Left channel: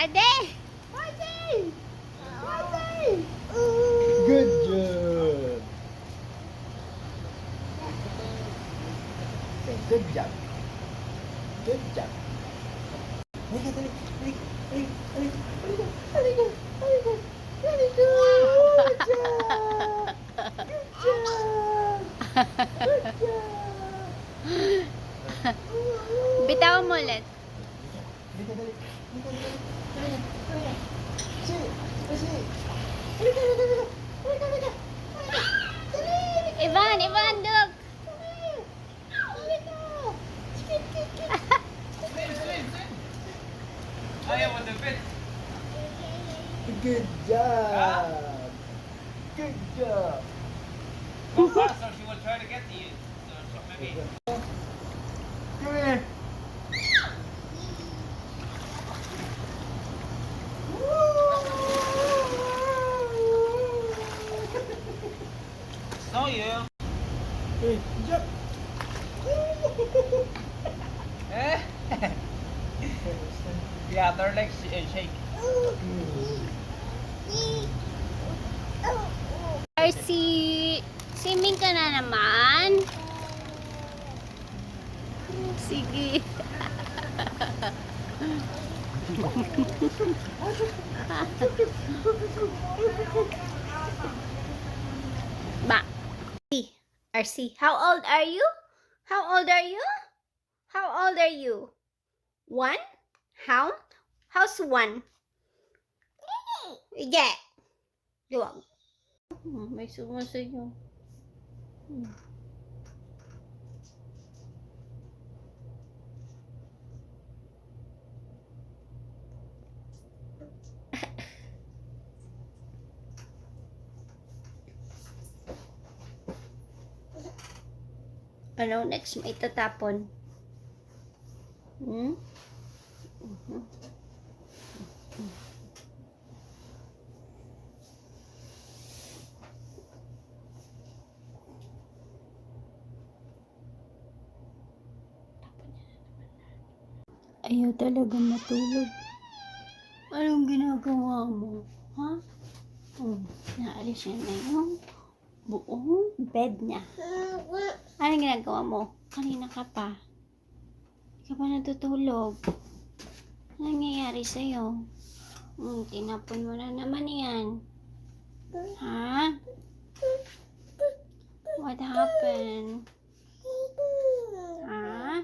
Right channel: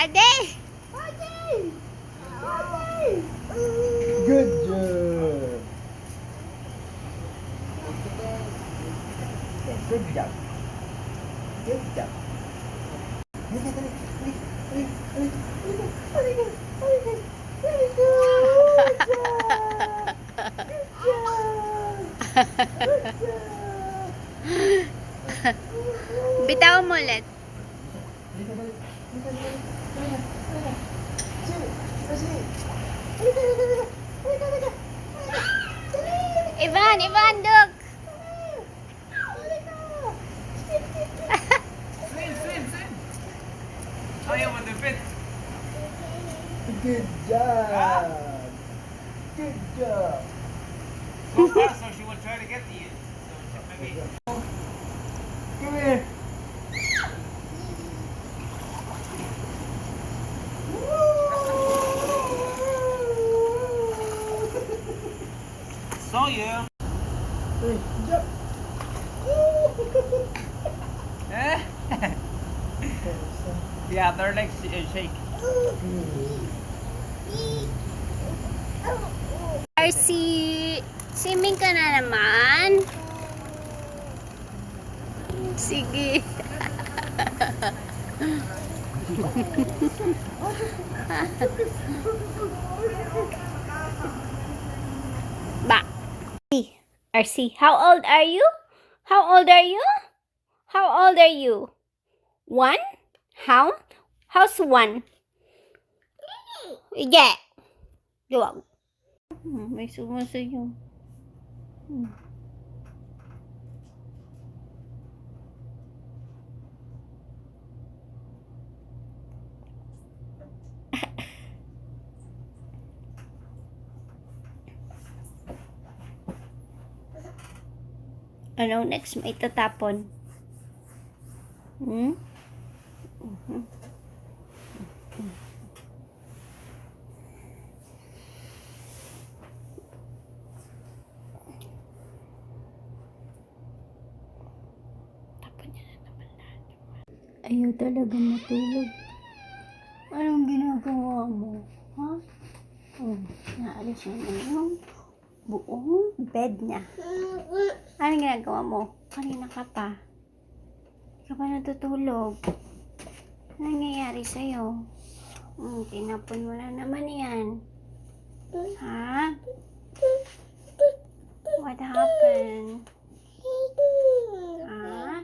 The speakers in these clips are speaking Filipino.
Pwede! Good job. Good job. Good job. Halika, halika, halika, halika, halika, halika, halika. Good job. Good job. Good job. Bitawan mo ulit. Halika, halika, halika, halika, halika. Sige, sige. Halika, halika, halika. Halika, halika. Ivan, look! Ayaw mo dupit. Good job. Good job. Go fast or she will try to get to you. So maybe. Come here. Saw you. Hey, jump. Eh? Yeah, their legs shake. RC, swimming ka na naman. Sige. Ba. RC, how old are you? How old are you? How old are you? 1? How? How's 1? Yeah. Luwag. May sumasayo. Ano next may tatapon? Hmm? Ayaw talaga matulog. Anong ginagawa mo? Ha? Naalis niya na yung buong bed niya. Anong ginagawa mo? Kanina ka pa. Ka pa natutulog. Anong nangyayari sa'yo? Tinapon mo na naman yan. Ha? What happened? Ha?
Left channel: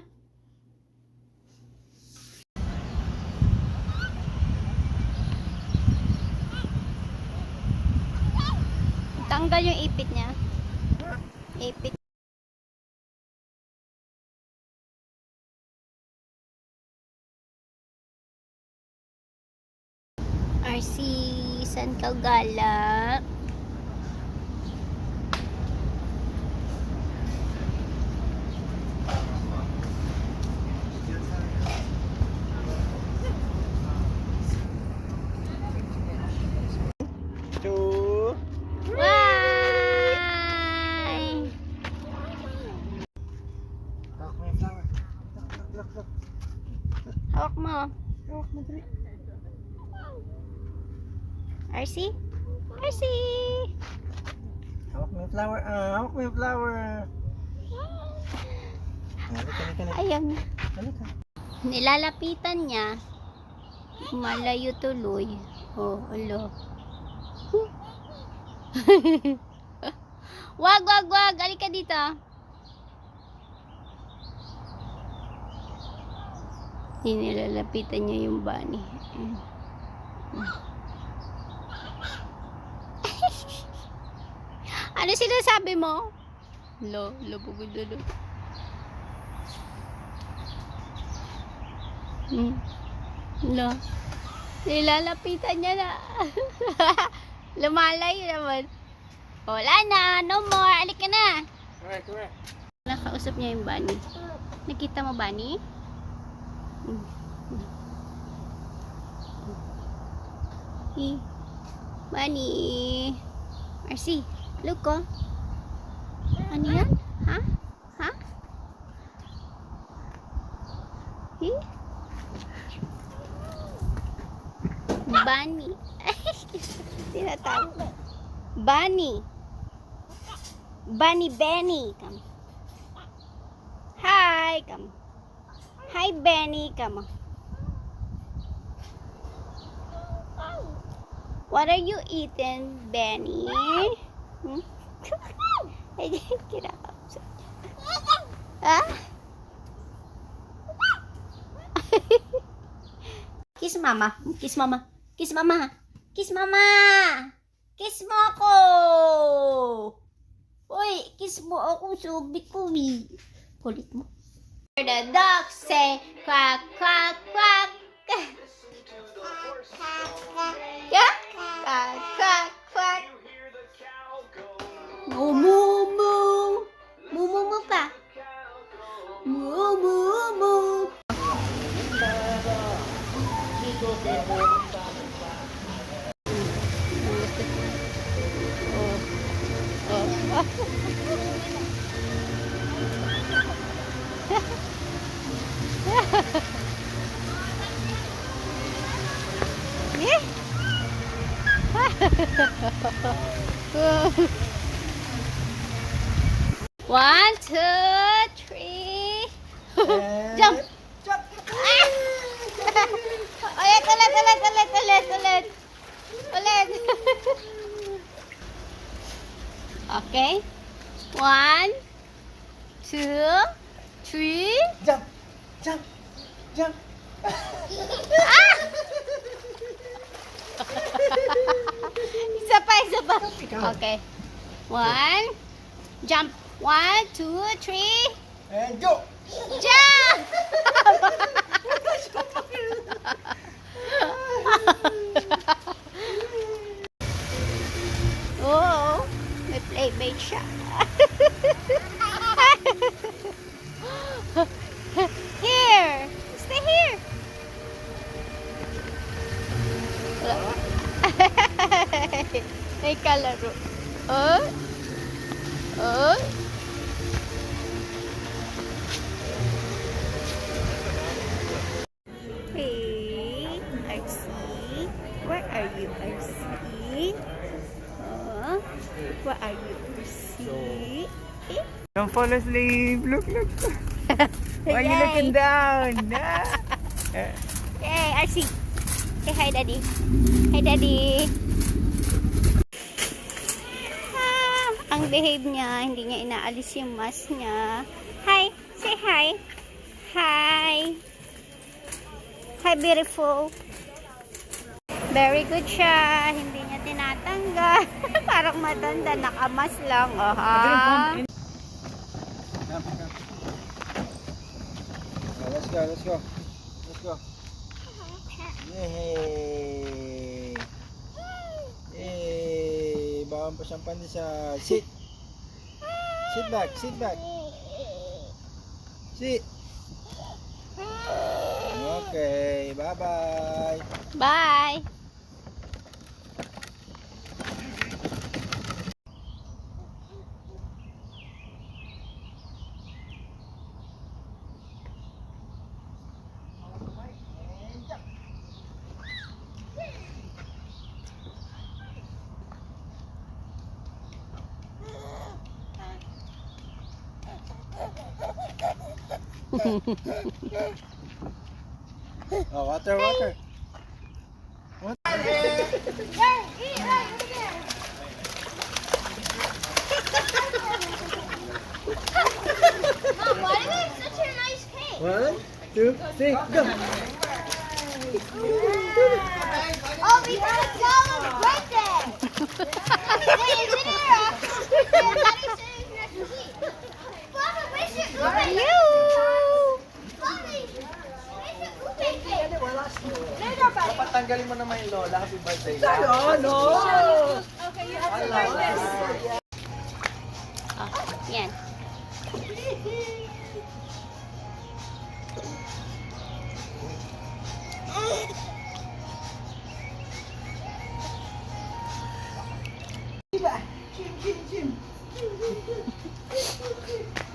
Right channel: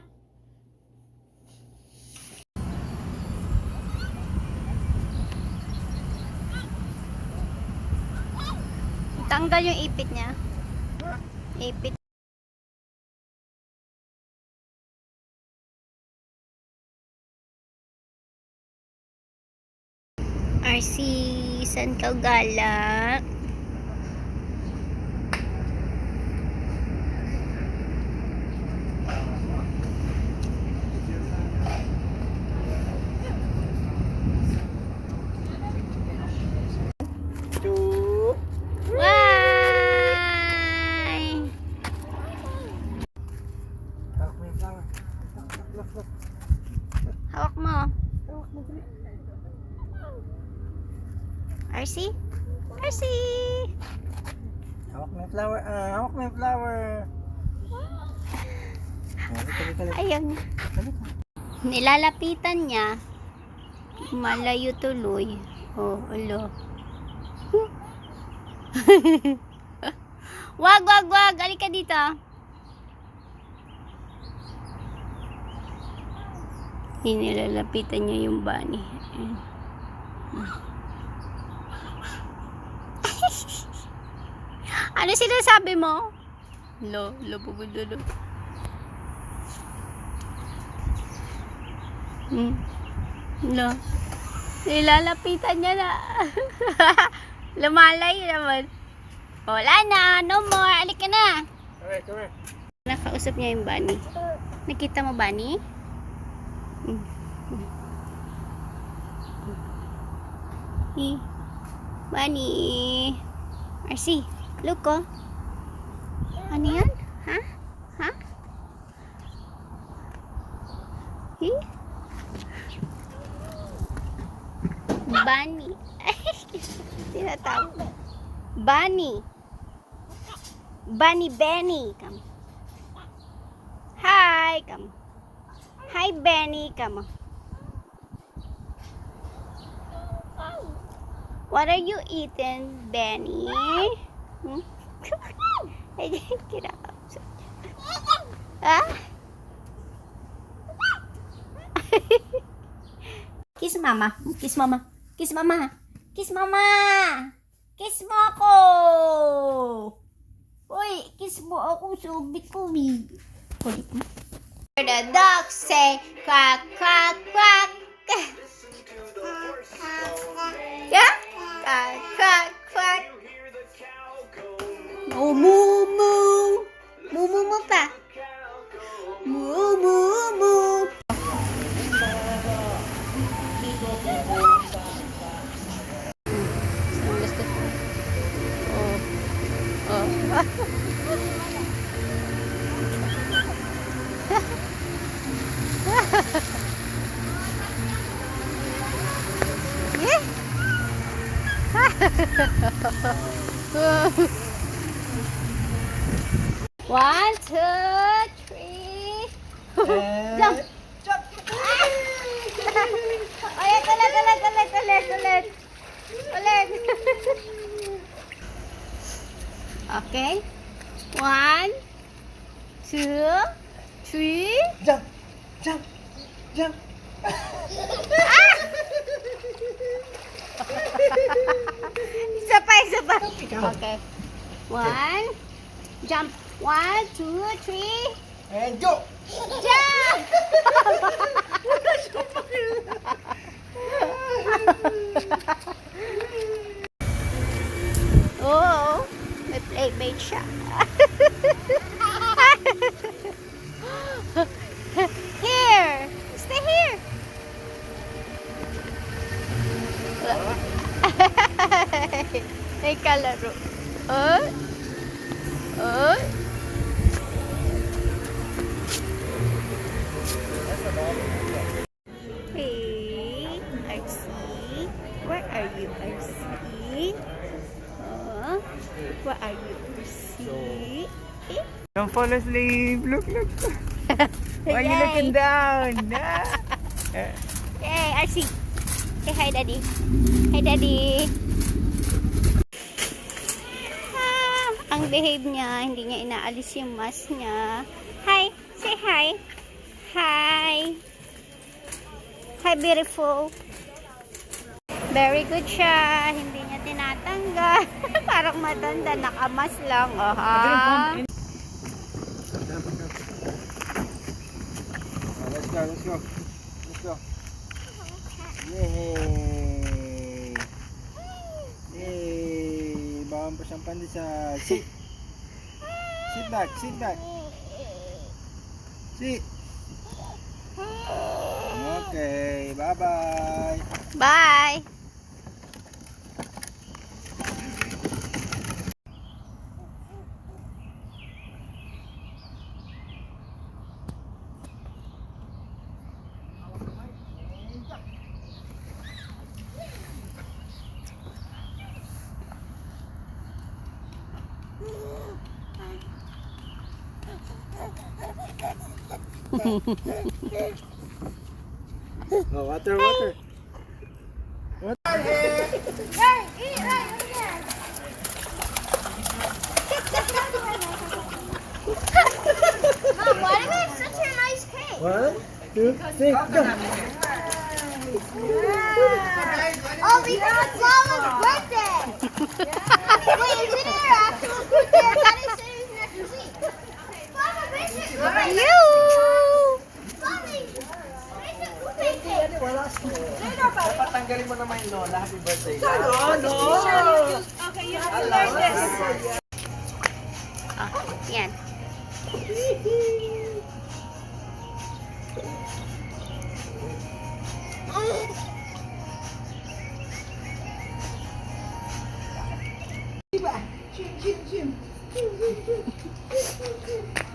Tanggal yung ipit niya. Ipit. RC, saan ka gala? Two. Why? Hawak mo yung flower. Look. Hawak mo. Hawak mo, dali. RC? RC! Hawak mo yung flower. Hawak mo yung flower. Halika. Ayaw niya. Halika. Nilalapitan niya. Malayo tuloy. Oh, alo. Wag. Halika dito. Nilalapitan niya yung bunny. Ano sinasabi mo? Lo, pupudulo. Lo. Nilalapitan niya na. Lumalay naman. Wala na. No more. Alik ka na. Come here. Nakausap niya yung bunny. Nakita mo, bunny? Bunny. RC, look ko. Ano yan? Ha? Bunny. Tinatawag. Bunny. Bunny Benny. Come. Hi. Come. Hi, Benny. Come on. What are you eating, Benny? Hmm? Ah? Kiss mama. Kiss mama. Kiss mama. Kiss mama. Kiss mo ako. Uy, kiss mo ako, subi-kubi. Kulit mo. The dog say quack, quack, quack. Yeah? Quack, quack, quack. Moo, moo, moo. Moo, moo, moo pa. Moo, moo, moo. Yeah. One, two, three. Jump. Jump. Ulit. Okay. One, two, three. Jump. Jump. Jump. Isa pa. Okay. One. Jump. One, two, three. And go. Jump! Oh, may playmate siya. Here! Stay here! May kalaro. Oh? Oh? Hey, RC. Where are you, RC? Where are you, RC? Don't fall asleep. Look. Why are you looking down? Hey, RC. Say hi, Daddy. Hi, Daddy. Ang behave niya. Hindi niya inaalis yung mask niya. Hi. Say hi. Hi. Hi, beautiful. Very good siya. Hindi niya tinatanggal. Parang matanda. Nakamas lang. Aha. Let's go. Yay! Yay! Bawang pa siyang pandesal. Sit back. Sit. Okay, bye-bye. Bye. Oh, water. Mom, why do they have such a nice cake? 1, 2, 3, go. Oh, because it's Mama's birthday. Wait, is it your actual birthday? I thought he said it was next week. Mama, where's your birthday? You. Mommy, where's your birthday cake? Dapat tanggalin mo naman yun, Lola. Happy birthday. Okay, you have to learn this. Oh, yan.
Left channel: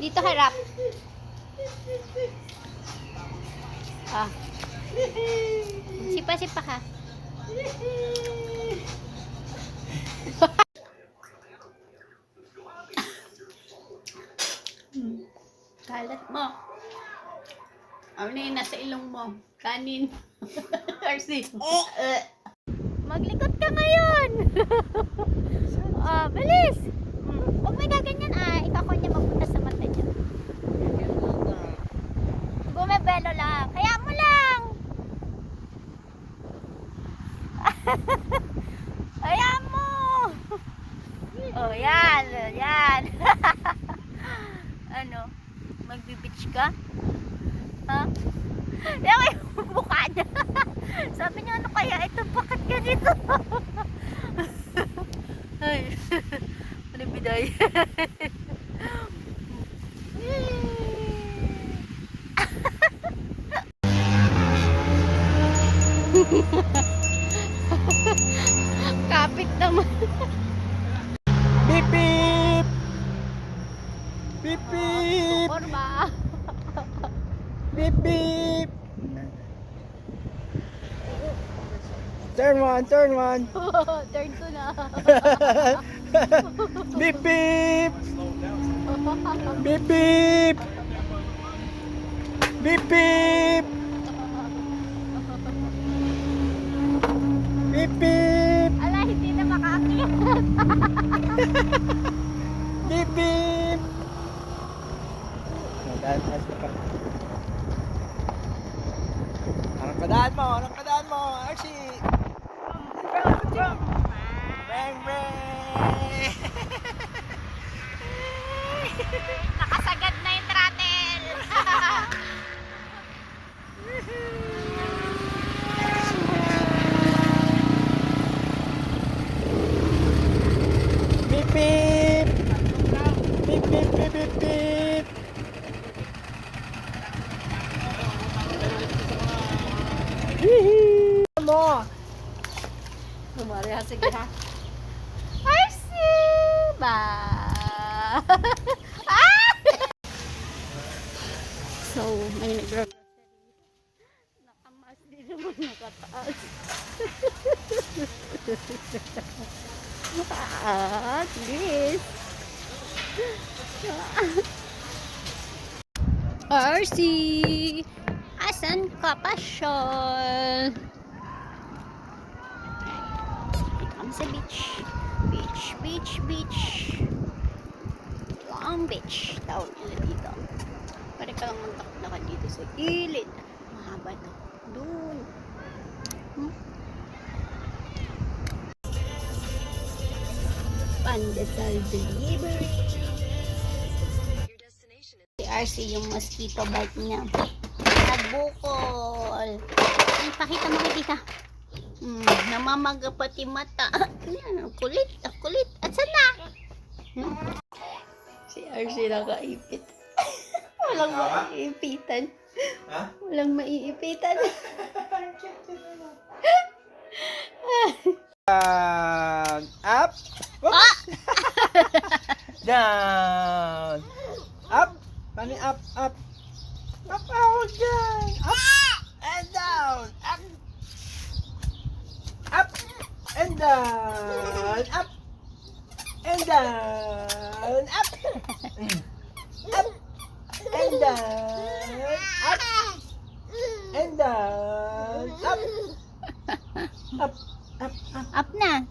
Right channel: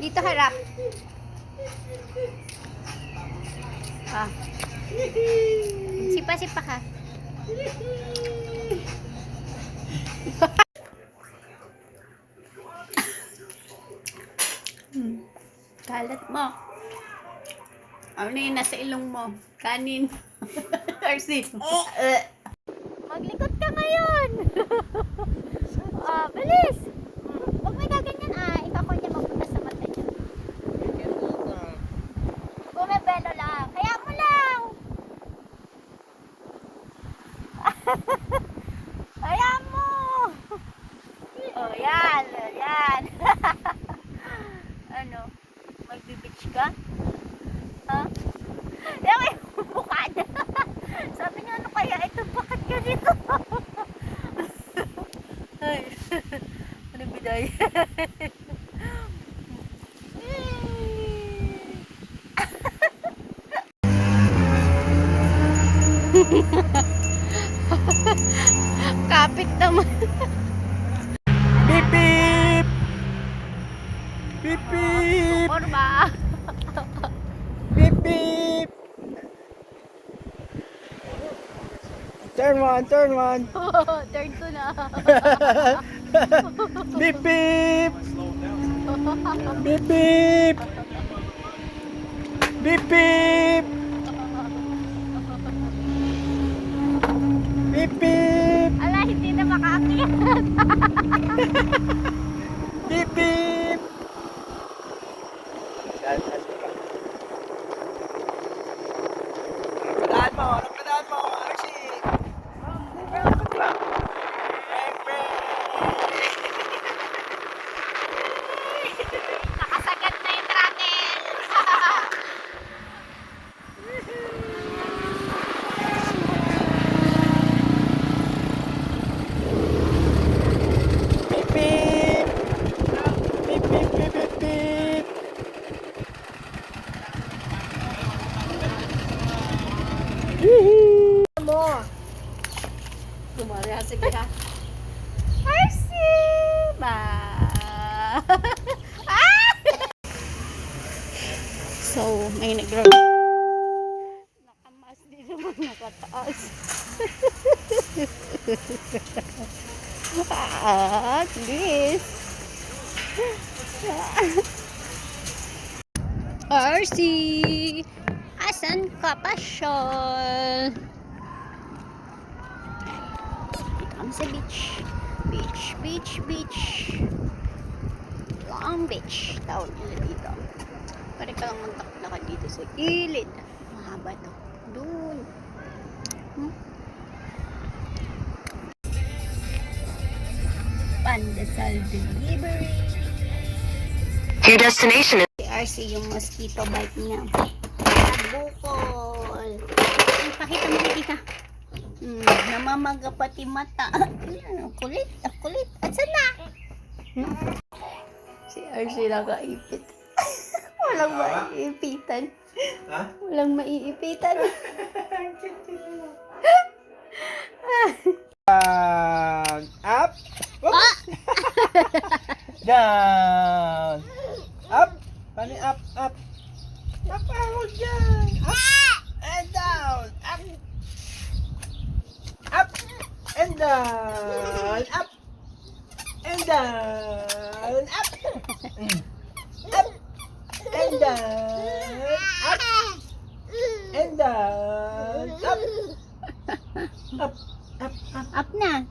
Dito harap. Ah. Sipa-sipa ka. Kalat mo. Ano yung nasa ilong mo? Kanin. RC. Maglikot ka ngayon. Oh, bilis. Huwag may gaganyan ikaw ko niya mabutas sa mata niya. Bumebelo lang. Kaya mo lang. Kaya mo. Oh, yan. Yan. Ano? Magbibitch ka? Ha? Yan yung mukha niya. Sabi niya, ano kaya ito? Bakit ganito? Ay. Ano biday? Kapit naman. Beep beep! Beep beep! Forma. Beep beep! Turn one, turn one! Turn to na. Beep beep! Beep beep! Beep beep! Beep beep! Ala, hindi na makaakyat. Beep beep! Anong padaan mo? Archie! Bang bang! Nakasagat na yung throttle. Beep beep! Beep beep beep beep beep! Hihi! Mo! Kumari ha, sige ha. Arsi! Ba! So, may nag-grab. Nakamas din naman nakataas. At least. RC! Asan ka pa, Sean? Dito kami sa beach. Beach, beach, beach. Long Beach. Tawag nila dito. Pwede ka lang magtakot dito sa gilid. Mahaba to. Doon. Pandesal delivery. Your destination is Si RC yung mosquito bite niya. Nabukol. Ay, pakita mo hindi ka. Namamaga pati mata. Ayan, ang kulit. Ang kulit. At saan na? Si RC nakaipit. Walang maiipitan. Ha? Walang maiipitan. Up! Whoop! Down! Up! Paano up, up? Up, out, down! Up! And down! Up! Up! And down! Up! And down! Up! Up! And down! Up! And down! Up! Up! Up! Up! Up na.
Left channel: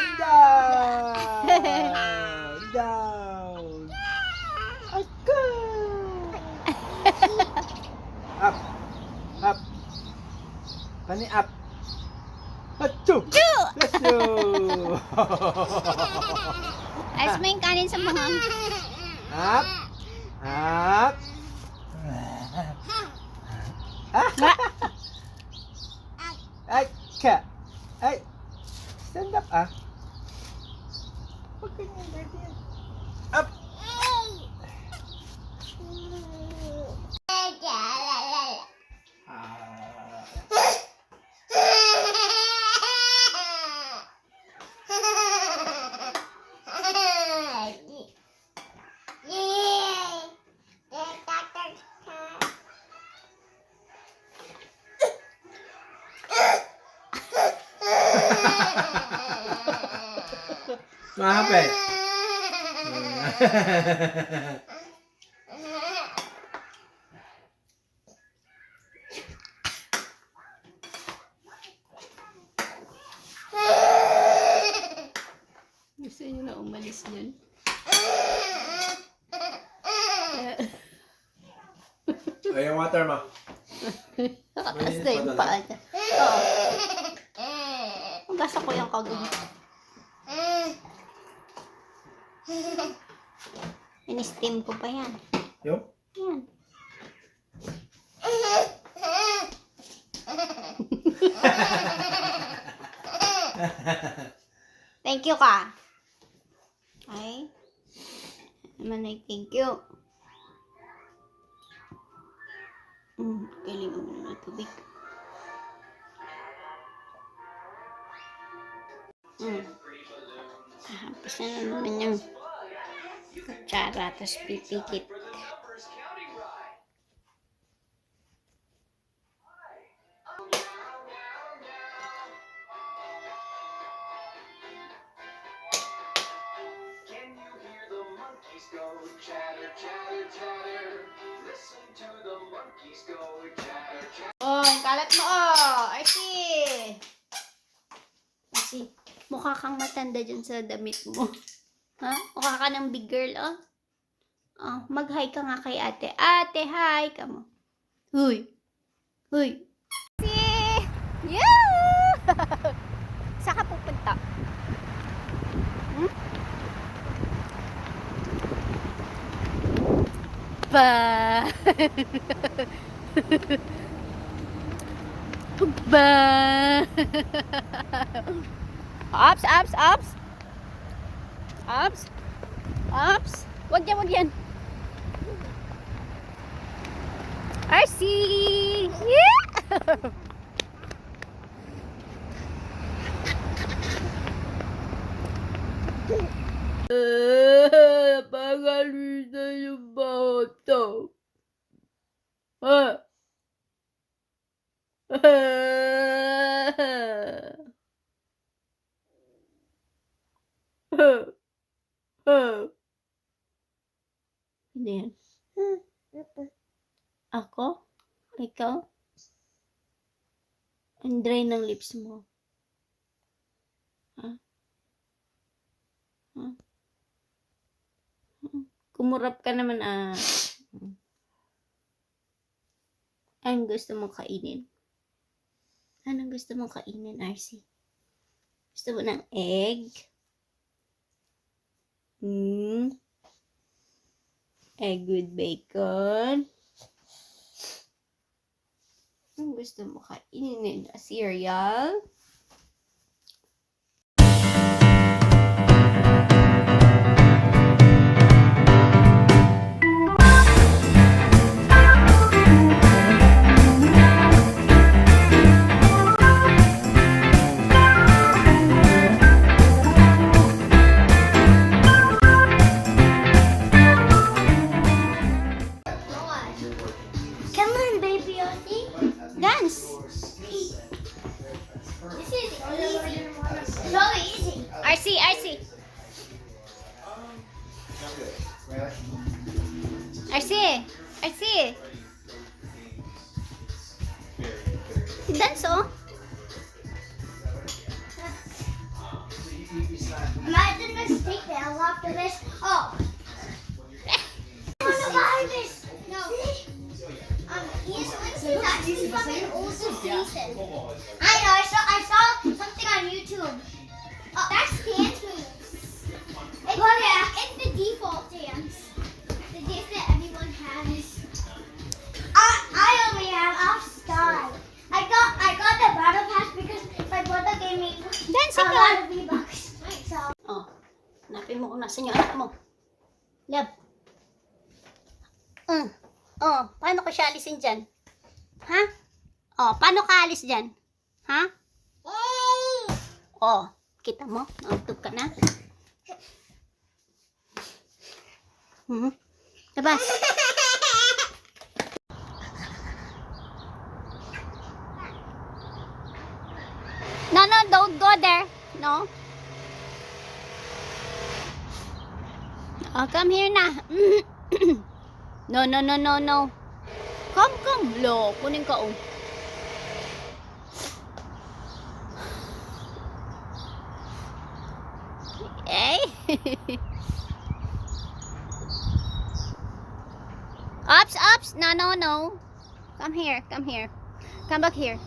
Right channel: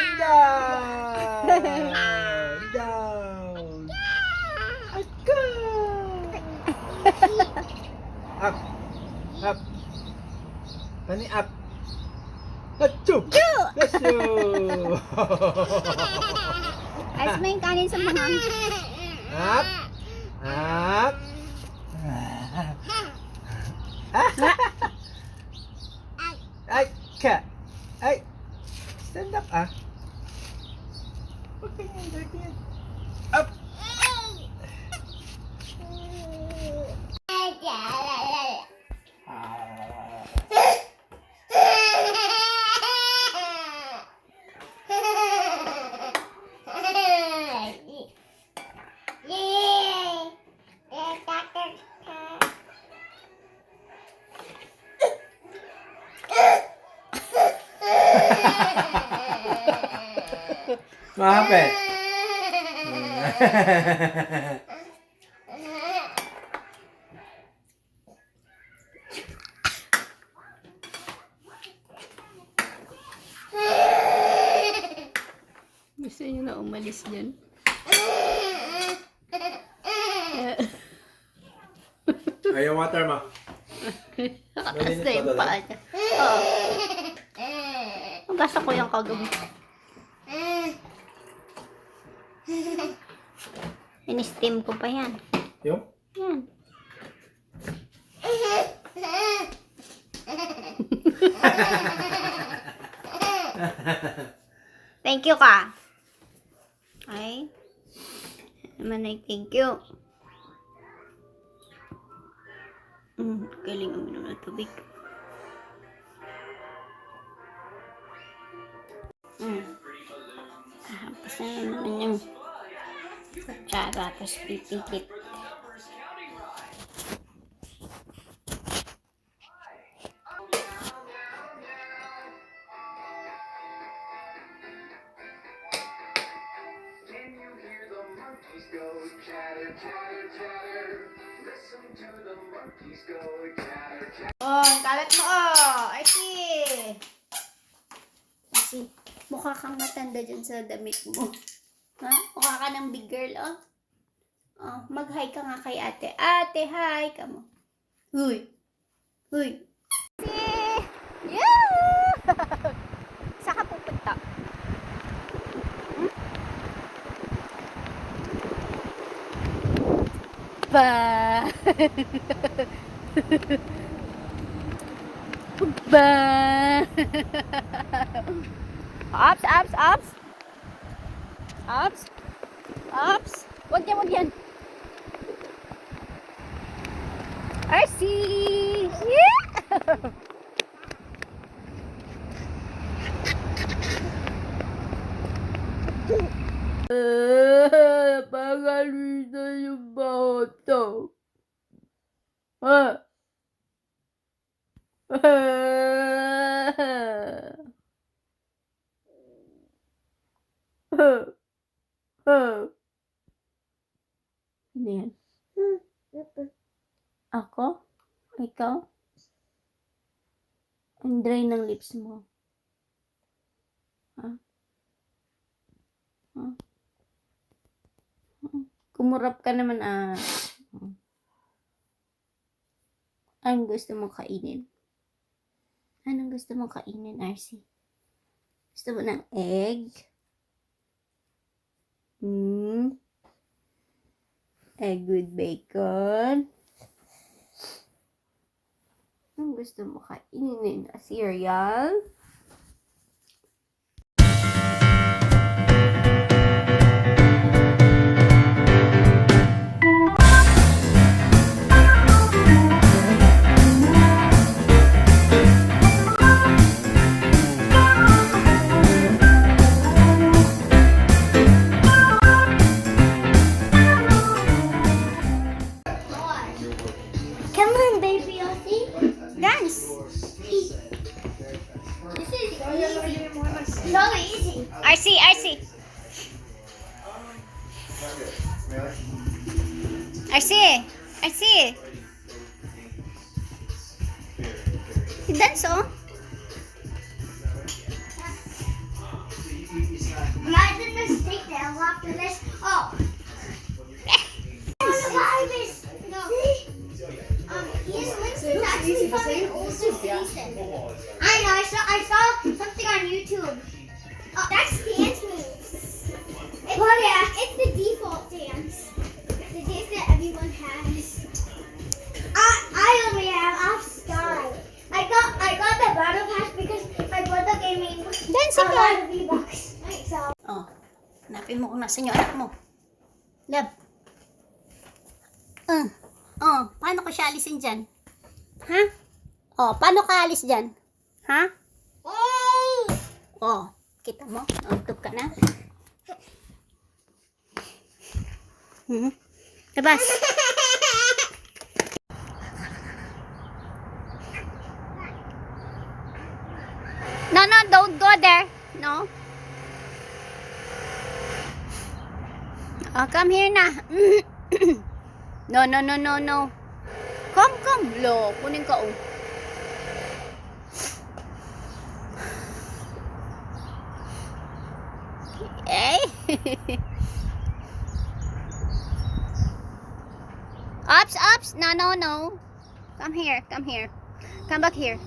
And down! Down! Ako! Up! Up! Tani up! Achoo! Achoo! Ayos mo yung kanin sa mga. Up! Up! Ay! Ka! Ay! Stand up Huwag ka niya, dirty yan. Up! Mahapit. Gusto niyo na umalis yan? Ayaw water mo. Nakataas na yung paa niya. Oo. Nabasa ko yung kagabi. In-steam ko pa yan. Yung? Yan. Thank you ka. Ay. Naman ay thank you. Galing uminom ng tubig. Hampas na naman yung kutsara, tapos pipikit. Oh, yung kalat mo, oh. I see. I see. Mukha kang matanda dyan sa damit mo. Ha? Mukha ka ng big girl, oh. Oh, mag-hi ka nga kay ate. Ate, hi ka mo. Huy. Huy. See? Yeah! Saan ka pupunta? Ba. Ba. Ups, ups, ups. Ups. Ups. Wag yan, wag yan. I see. Yeah. Napakalita yung bata. Ha? Ano yan? Ako? Ikaw? Ang dry ng lips mo. Ha? Ha? Kumurap ka naman, ah. Anong gusto mong kainin? Anong gusto mong kainin, RC? Gusto mo ng egg? Egg with bacon? Anong gusto mo kainin? A cereal? Come on, baby Ozzy. Dance! This is easy. So easy. RC! Dance, oh. Imagine mistake that after this. Oh. No. Ian Winston is actually from an older season. I know. I saw something on YouTube. Oh, that's dance moves. It's the default dance. The dance that everyone has. I only have off style. I got the battle pass because my brother gave me Dancing a ka. lot of V-Bucks. So. Oh, hanapin mo kung nasan yung anak mo. Love. Oh, paano ko siya alisin dyan? Ha? Oh, paano ka alis dyan? Ha? Oh, kita mo? Nautog ka na? Labas. No, no, don't go there. No. Oh, come here na. No, no, no, no, no. Come, come. Lo, kunin ka, oh. Eh? Ups, ups. No, no, no. Come here, come here. Come back here.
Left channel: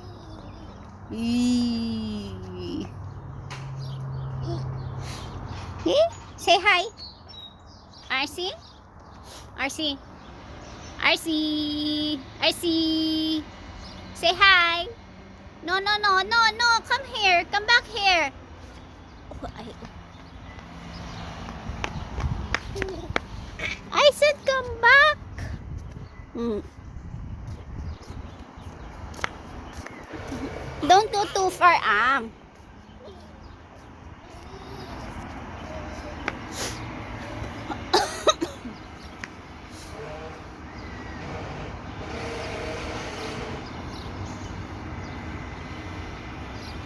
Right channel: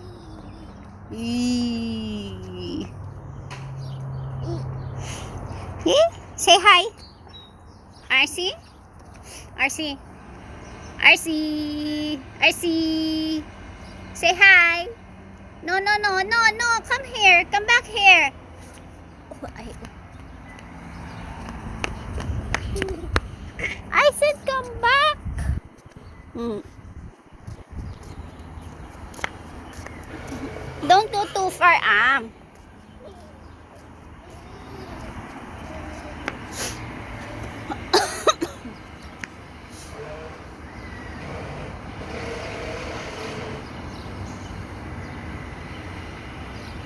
Eee. Say hi. RC? RC? RC? RC? Say hi. No, no, no, no, no. Come here. Come back here. Oh, I said come back. Don't go too far,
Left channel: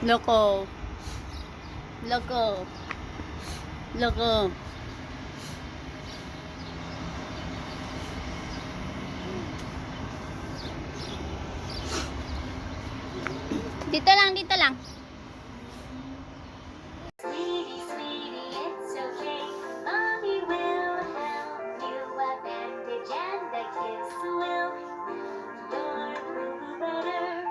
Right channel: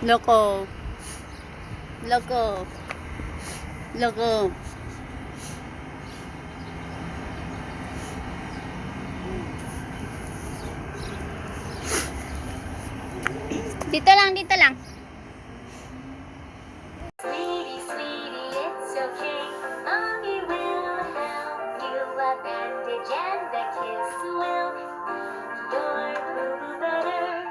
Loco. Loco. Loco. Dito lang, dito lang. Sweetie, sweetie, it's okay. Mommy will help you. A bandage and a kiss will make your boo better.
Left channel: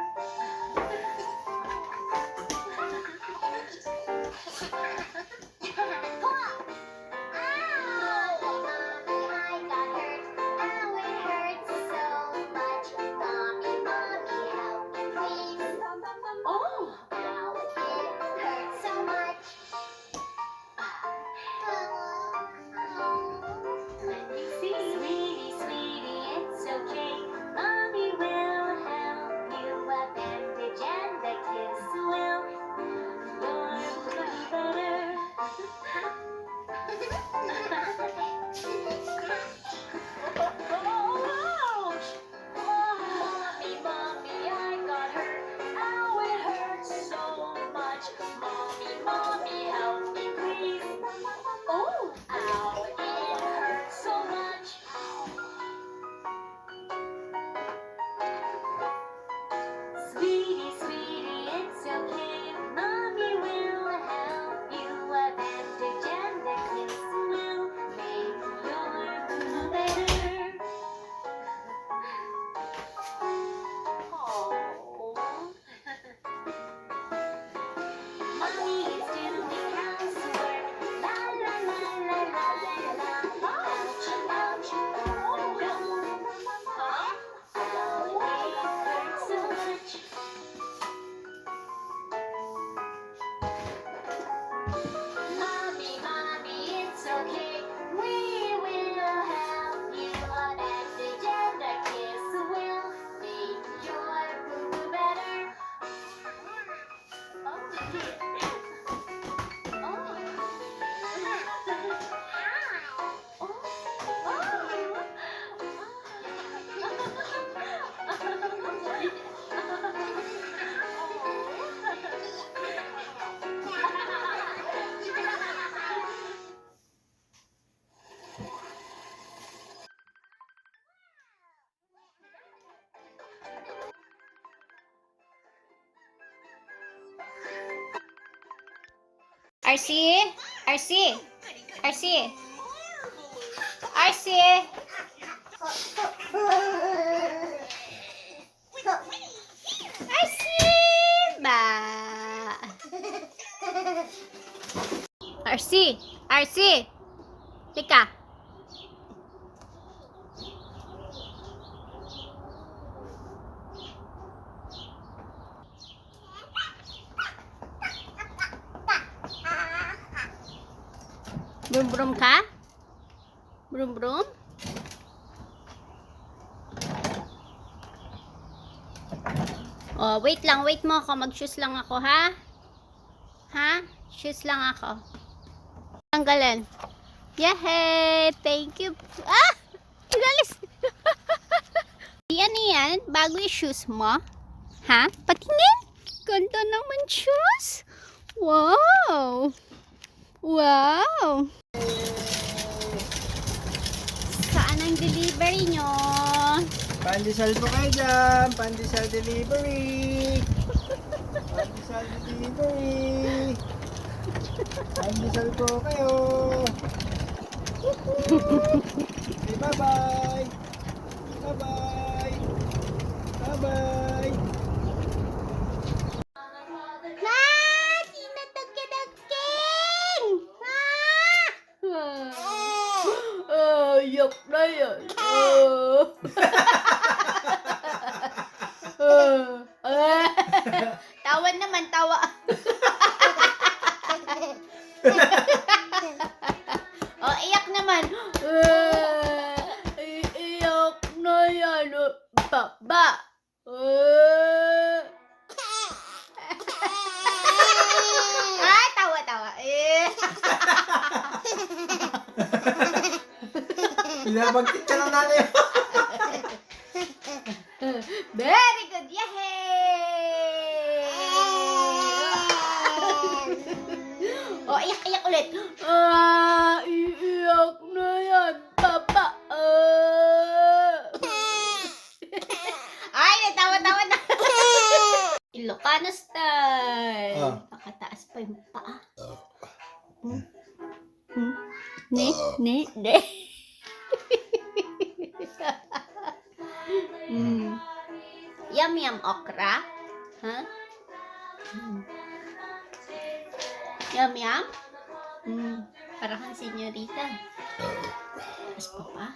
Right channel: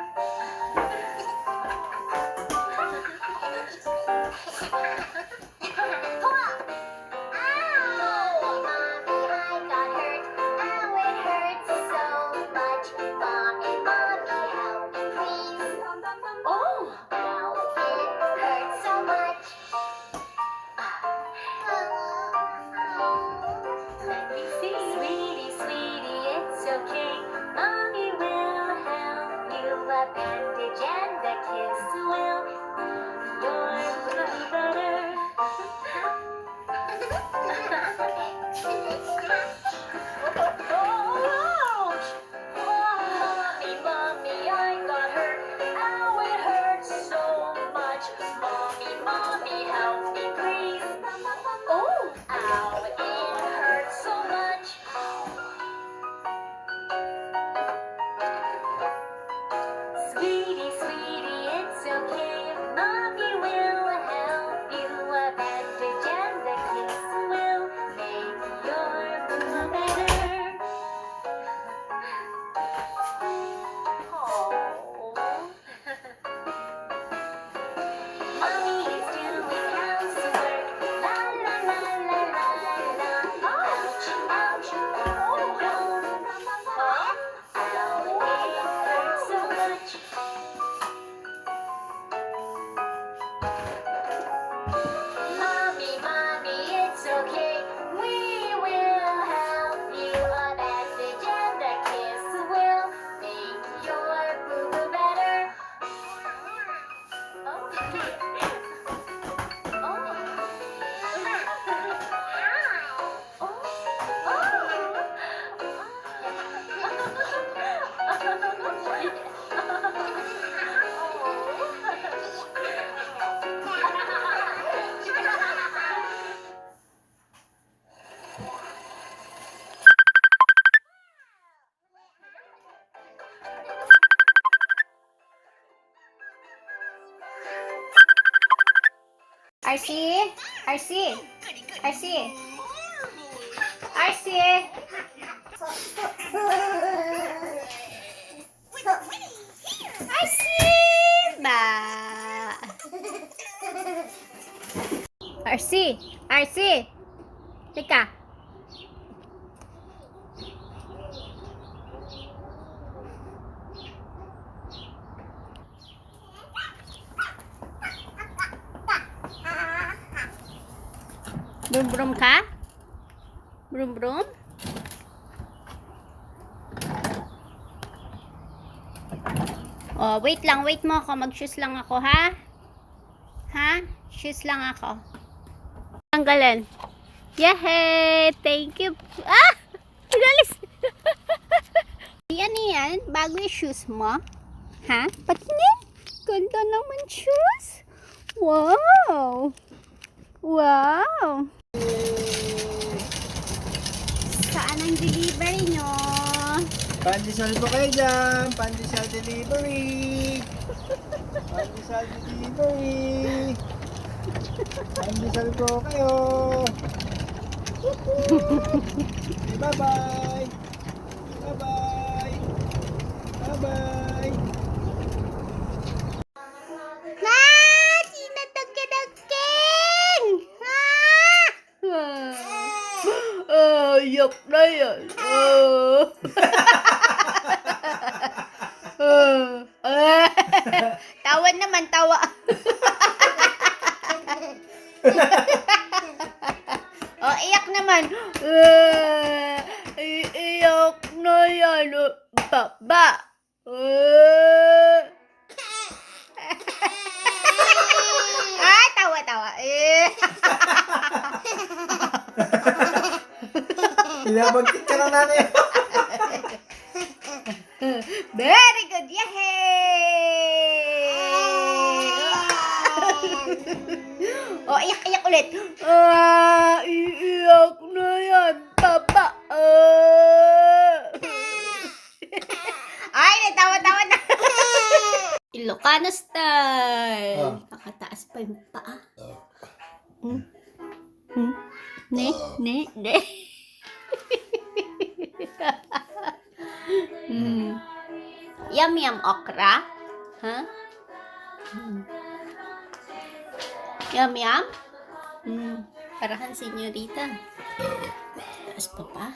Sweetie, sweetie, it's okay. Mommy will help you. A bandage and a kiss will make your boo better. Ouch! Mommy, mommy, I got hurt. Ow, it hurts so much. Mommy, mommy, help me, please. Oh, ow, it hurts so much. Sweetie, sweetie, it's okay. Mommy will help you. A bandage and a kiss will make your boo better. Mommy is doing housework. La la la la la la la. Ouch, ouch, oh no. Huh? Ow, it hurts so much. Mommy, mommy, it's okay. We will help you. A bandage and a kiss will make your boo-boo better. RC? RC? RC? RC? RC? Ba? RC? RC? Teka. Brum brum ka? Brum brum? Oh, wait lang, wait mo ako. Mag-shoes lang ako, ha? Ha? Shoes lang ako. Tanggalan. Yehey! Thank you. Ah! Inalis! Yan. Bago yung shoes mo. Ha? Patingin. Ganda naman shoes. Wow! Wow! Saan ang delivery nyo? Pandesal po kayo dyan. Pandesal delivery. Pandesal delivery. Pandesal po kayo. Bye-bye. Bye-bye. Bye-bye. Ah! Sino tagkadagking? Yok na yan. Tawa naman, tawa. Oh, iyak naman. Iyak na yan. Baba. Ay, tawa, tawa. Pinabagkit ka na nanay. Very good. Yay! Oh, iyak, iyak ulit. Iiyak na yan. Baba. Ay, natawa-tawa na. Ilocano style. Pakataas pa yung paa. Ne. Yum yum okra. Huh? Yum yum. Parahan senyorita. Taas pa pa.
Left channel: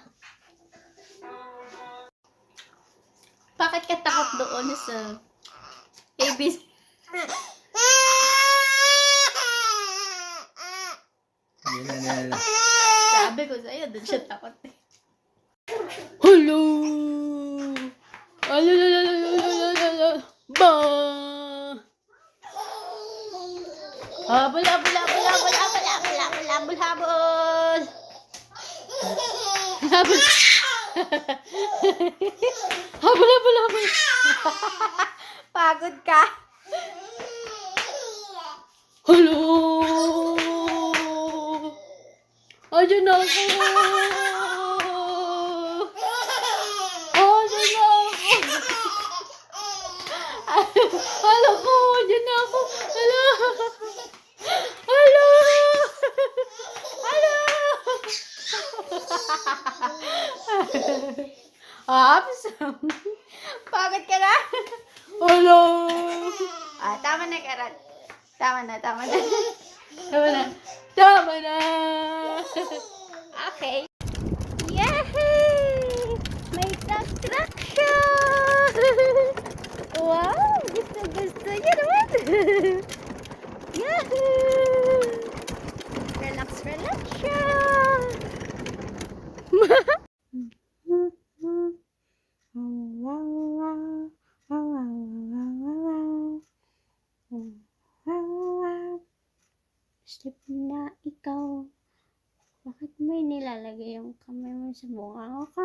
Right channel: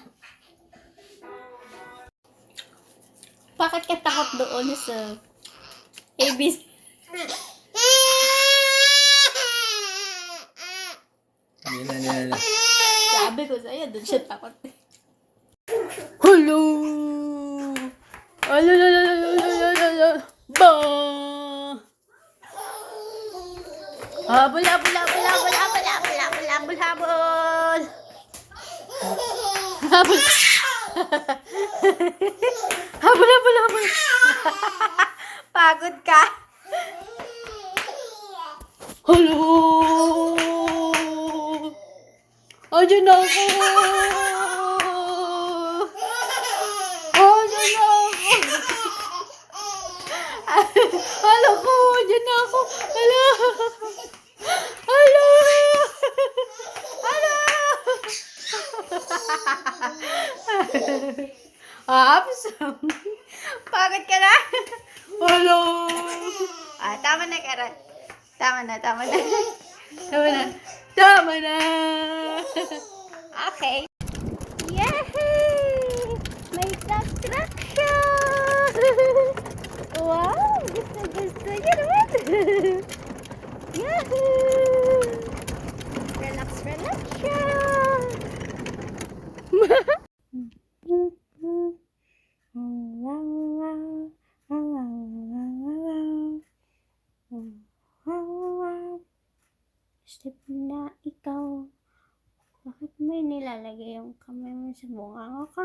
Bakit ka takot doon sa ABC? Yan. Sabi ko sa'yo, doon siya takot. Hello! Ba! Habol! Habol! Pagod ka? Hello! Ayan ako! Hala ko! Ayan ako! Hala! Ops! Pagod ka na? Hello! Tama na, Karat. Tama na. Okay. Yahoo! May construction! Wow! Gusto niya naman! Yahoo! Relax siya! Step na ikaw. Bakit may nilalagay yung kamay mo sa bunga ka?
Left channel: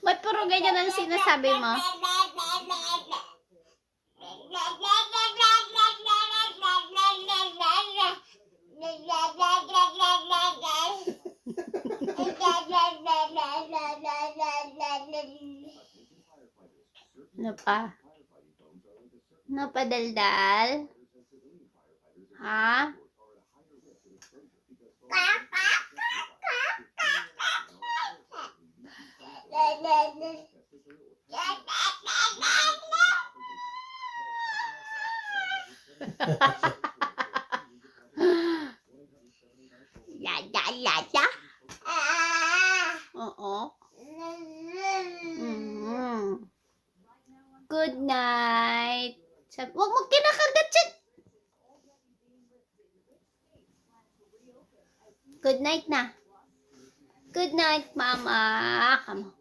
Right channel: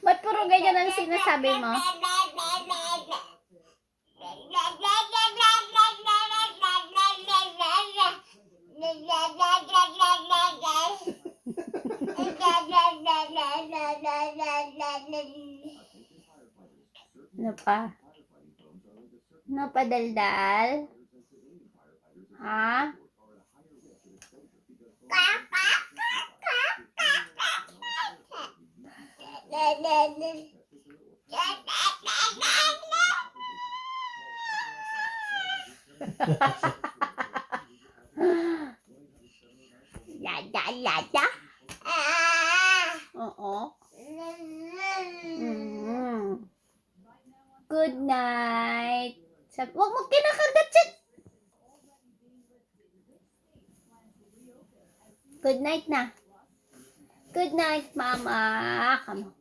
Ba't puro ganyan ang sinasabi mo? Ano pa? Ano pa, daldal? Ha? Lada. Oo. Sabi, huwag mo kinakagat yan. Good night na. Good night, Mama. Come on.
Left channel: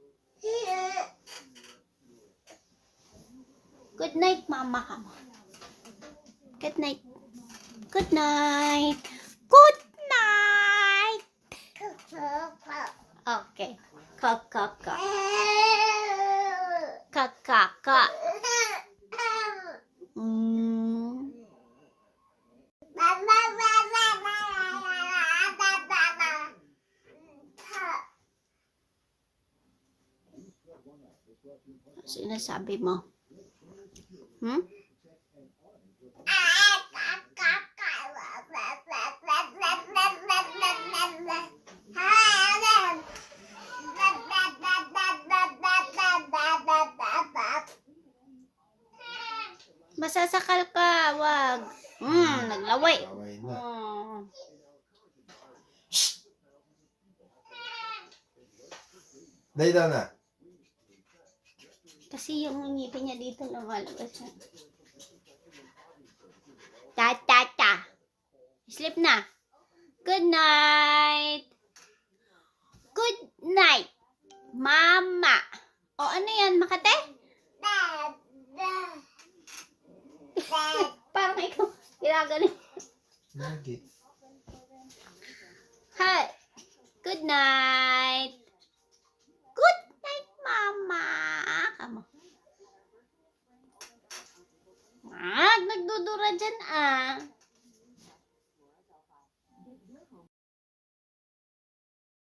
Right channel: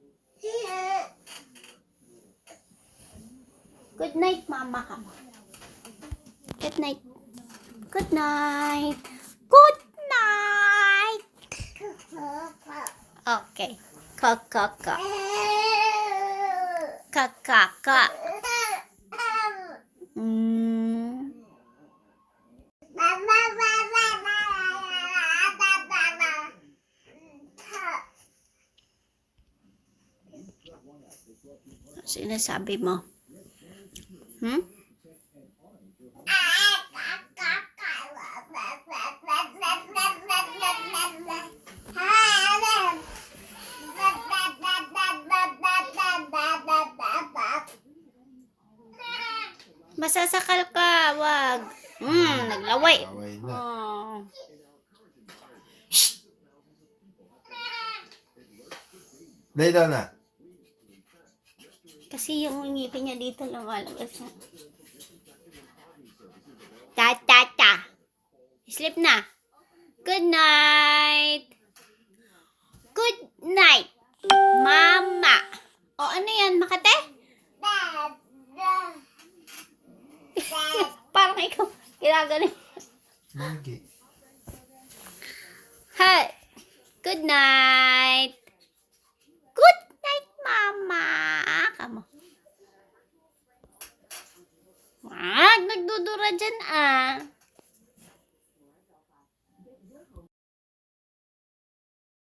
Good night, Mama. Come on. Good night. Good night. Good night. Okay. Kakaka. Kakaka. Mm. Sinasabi mo? Hmm? Masasakal ka, wag. Naglaway. Away na. Oh. Lay down na. Kasi yung ngipin niya dito lumalabas na. Ta. Sleep na. Good night. Good night, Mama. O ano yan, Makate? Parang ikaw ginagaling. Lagi. Hey. Good night.